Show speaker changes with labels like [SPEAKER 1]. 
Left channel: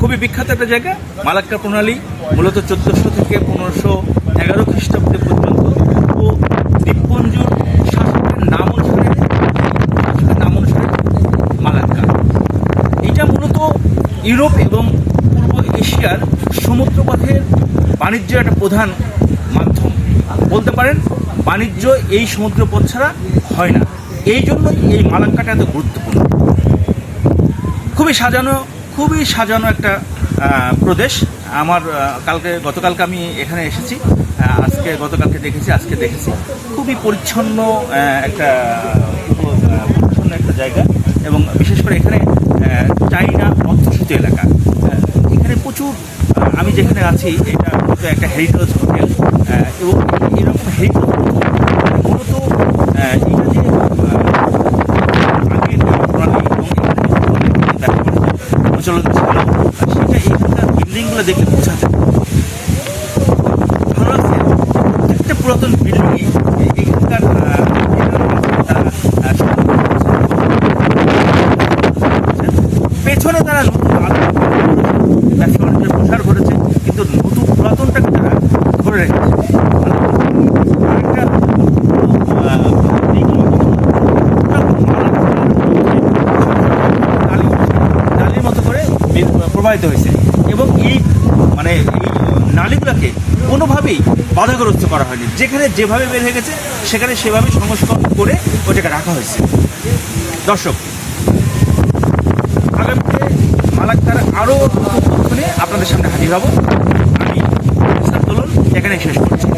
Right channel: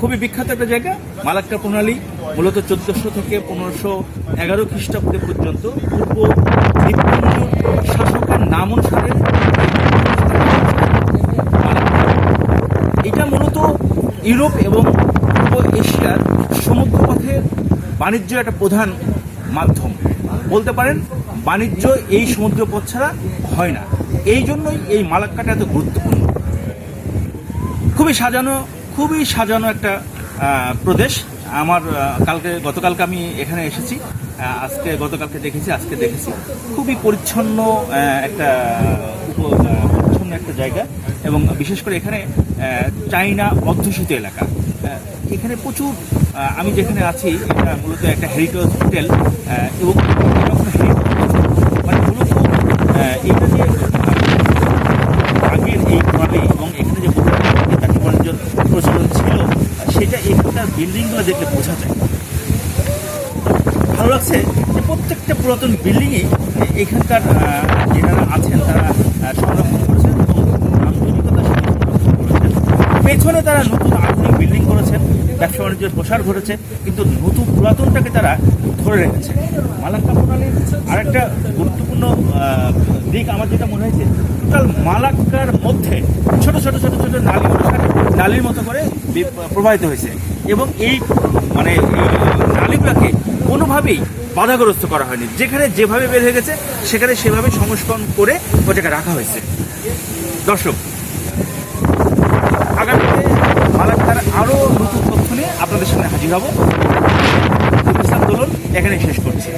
[SPEAKER 1] খুবই বিখ্যাত একটা জায়গা মালাক্কা প্রণালী মূলত চোদ্দশো থেকে পনেরোশো এগারো খ্রিস্টাব্দে পর্যন্ত ও দ্বীপপুঞ্জ শাসকের নাম অনুসারে মালাক্কা এটা মূলত ইউরোপ এবং পূর্ব এশিয়ার সমুদ্রপথের বাণিজ্যের একটা প্রধান মাধ্যম। বলতে পারেন, বাণিজ্য এই সমুদ্রপথ ছাড়া হয় না। এই জন্যই এই মালাক্কাটা এত গুরুত্বপূর্ণ। খুবই সাজানো খুবই সাজানো একটা প্রদেশ। আমার কালকে, গতকালকে আমি এখানে এসেছি। আজকে গতকালকে দেখেছি, আজকে দেখেছি। খুবই পরিচ্ছন্ন একটা পরিচ্ছন্ন একটা জায়গা। এবং বিশেষ করে এখানে চাইনা অধ্যুষিত এলাকা। এখানে প্রচুর আমি যেখানে আছি, এটা মূলত একটা হেরিটেজ হোটেল এবং এরকম হেরিটেজ মূলত আহ, এটা যে আহ, আগের এই প্রাণী এবং এখানে যে ব্যবসা বাণিজ্য প্রচলন ছিল আর সেটা এখানকার যায় ভালো লাগছে। প্রত্যেকটা পুরাতন বিল্ডিংই এখানকার তারা পেছনে তারা নতুন আধুনিক বিল্ডিং করেছেন ব্যবসা বাণিজ্যের প্রসার ঘটেছে, কিন্তু নতুন পুরাতনটাকে তারা ধরে রেখেছে। নালীর মতো করে প্রবাহিত হয়েছে। এবং এই মানে নালীগুলোকে কোনোভাবেই বাধাগ্রস্ত করা হয়নি। যেখানে যেভাবে বের হয়ে গেছে, সেখানে সেভাবে সংস্করণ করে ওটাকে রাখা হয়েছে। দর্শক মালাক্কার আরও নতুন তথ্য নিয়ে আপনাদের সামনে হাজির হব। দোলন এখানে শেষ করছি।